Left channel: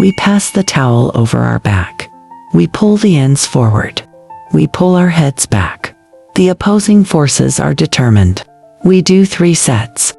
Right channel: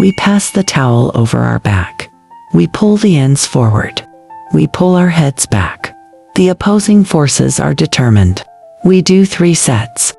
We pass the towel over our back. We pull the ends forward. We pull our heads back. The opposing forces are determined. We do 3 sets.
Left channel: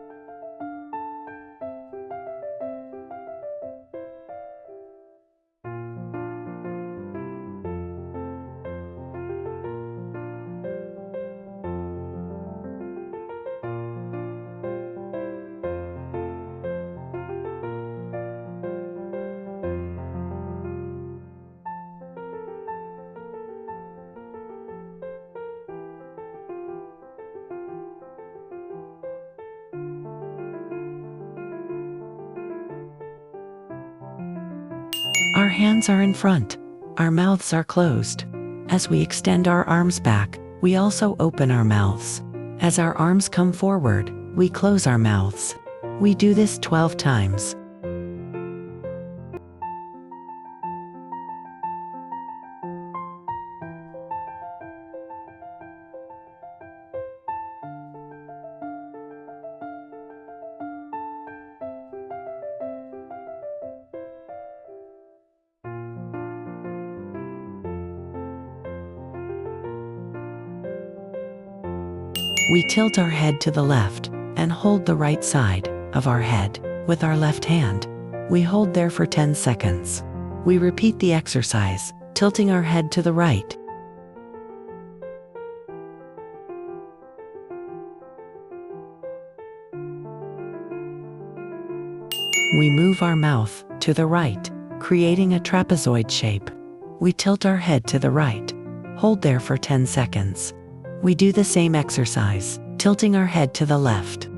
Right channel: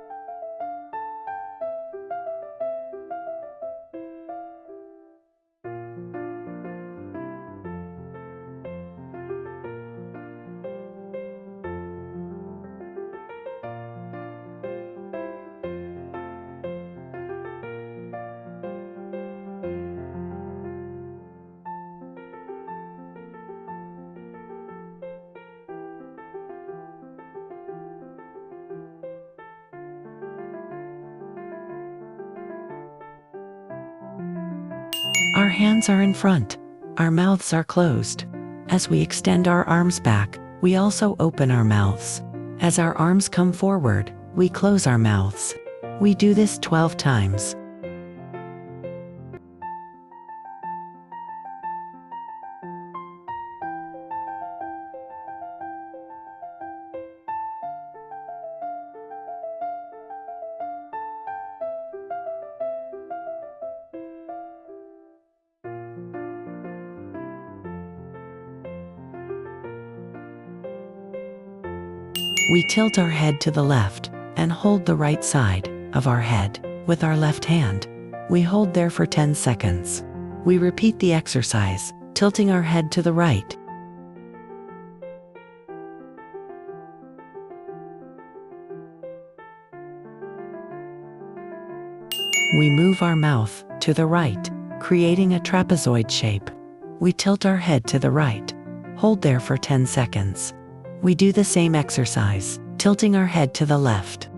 Our hands are in front. Our mouths are closed. As we extend our arms back, we also open our mouths. As our arms come forward, we close our mouths. We do this 12 times. We tilt our head to the left and hold the right side of our head with our left hand. We hold there for 10 seconds. We repeat the exercise, tilting our head to the right. We move our mouth to the right, creating a trapezoid shape. We tilt our head to the right. Hold there for 10 seconds. We do the same exercise, tilting our head to the left.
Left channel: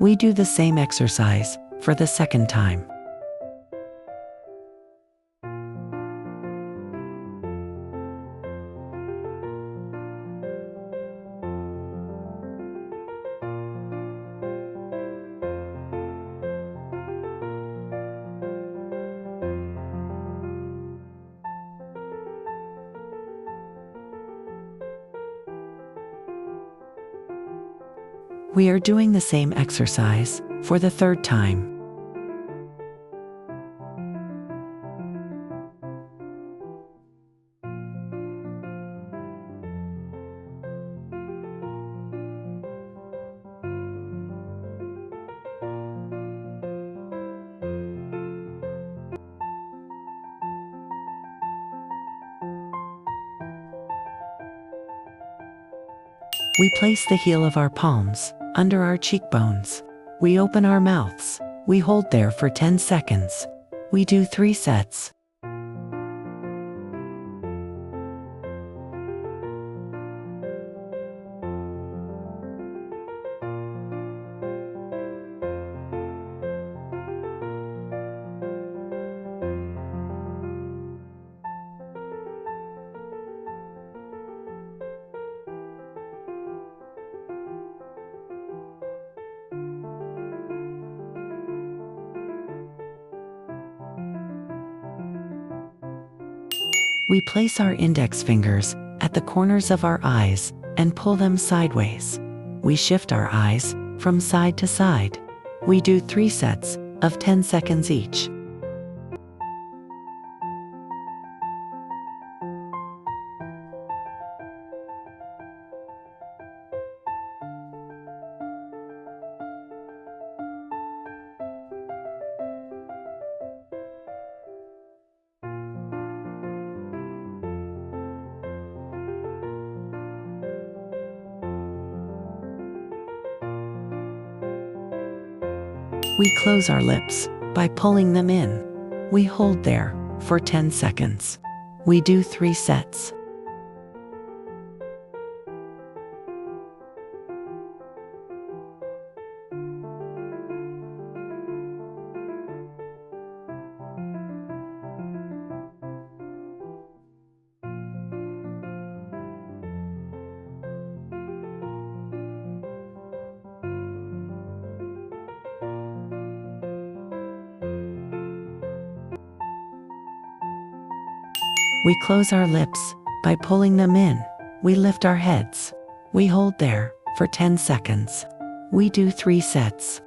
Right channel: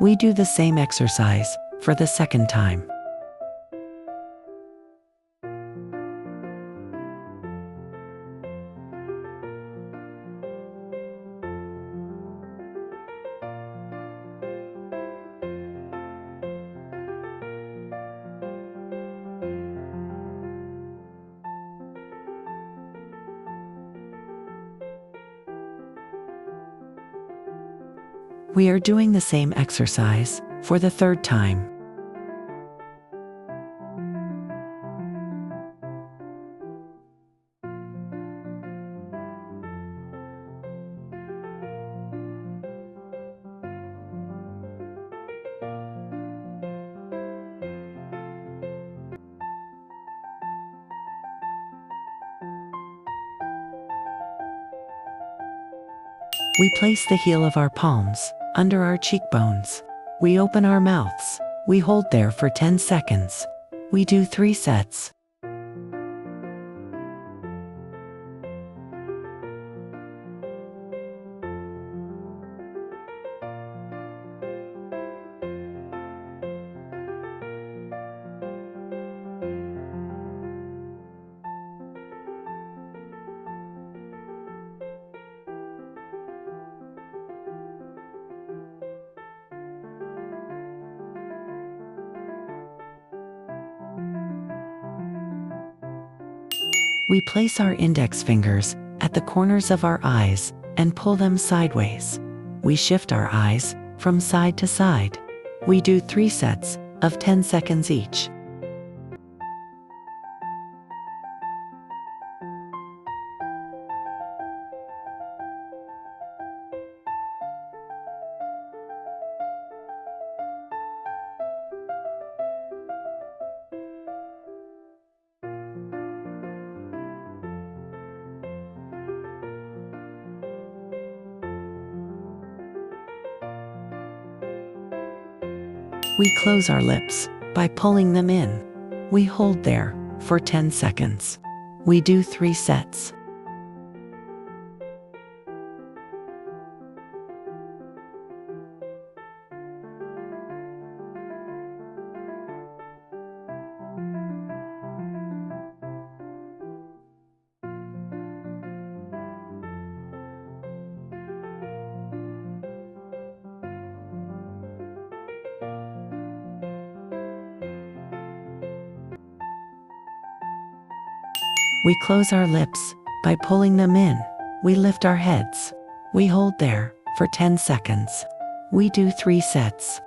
We do the same exercise for the second time. We are doing the same exercise for the third time. We place the heel of our palms under our cheekbones. We open our mouths. We hold there for 10 seconds. We do 3 sets. We place our index fingers at the corners of our eyes and pull them sideways. We shift our eyes from side to side. We do 3 sets of 10 seconds each. We close our lips by pulling them in. We hold there for 10 seconds. We do 3 sets. We close our lips by pulling them in. We lift our heads. We hold there for 10 seconds. We do 3 sets.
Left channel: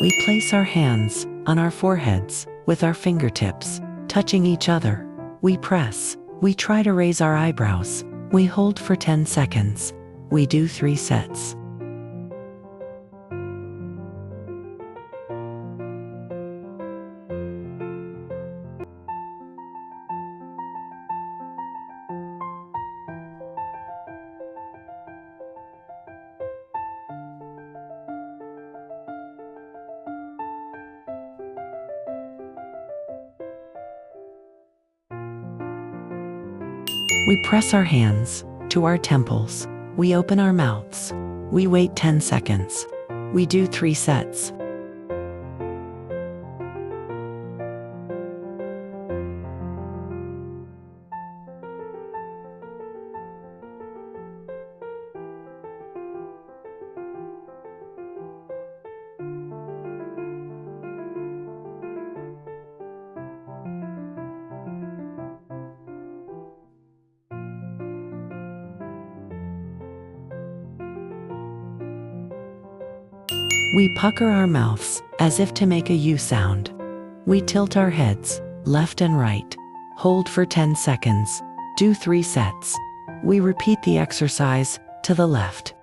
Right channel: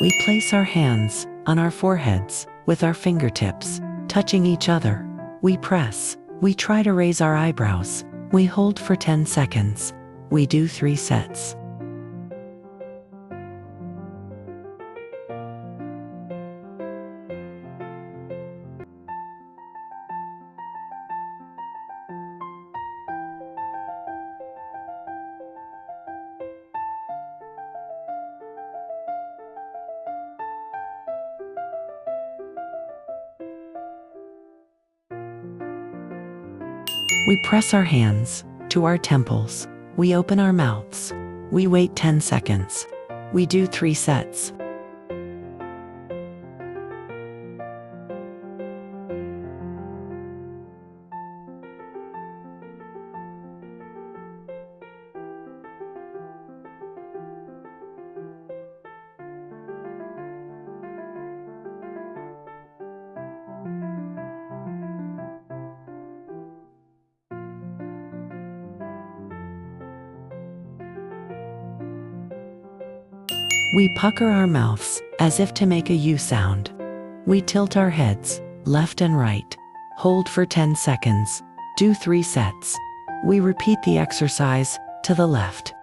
We place our hands on our foreheads with our fingertips touching each other. We press. We try to raise our eyebrows. We hold for 10 seconds. We do 3 sets. We press our hands to our temples. We open our mouths. We wait 10 seconds. We do 3 sets. We pucker our mouths as if to make a U sound. We tilt our heads left and right. Hold for 10 seconds. Do 3 sets. We repeat the exercise to the left.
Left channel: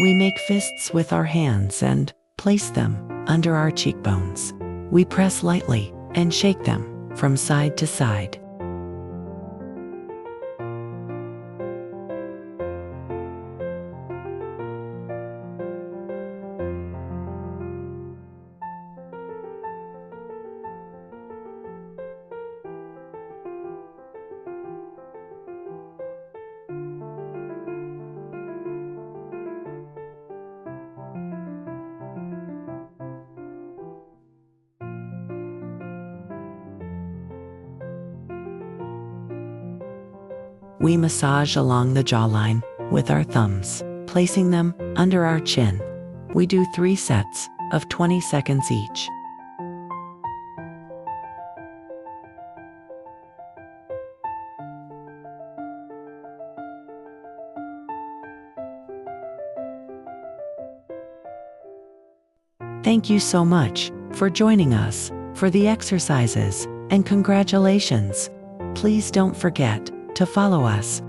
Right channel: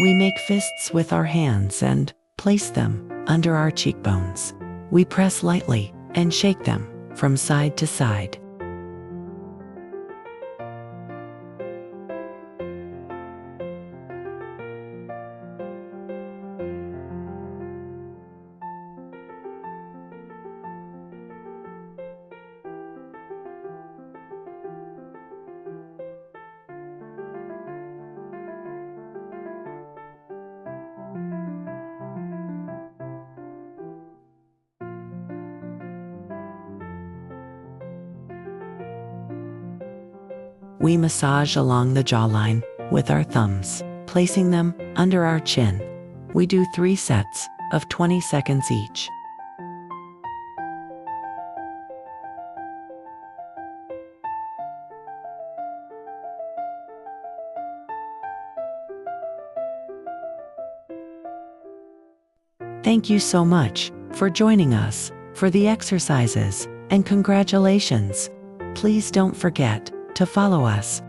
We make fists with our hands and place them under our cheekbones. We press lightly and shake them from side to side. We massage along the jawline with our thumbs, placing them under our chin. We do 3 sets of 20 seconds each. Thank you so much for joining us for the exercises, and congratulations. Please don't forget to follow us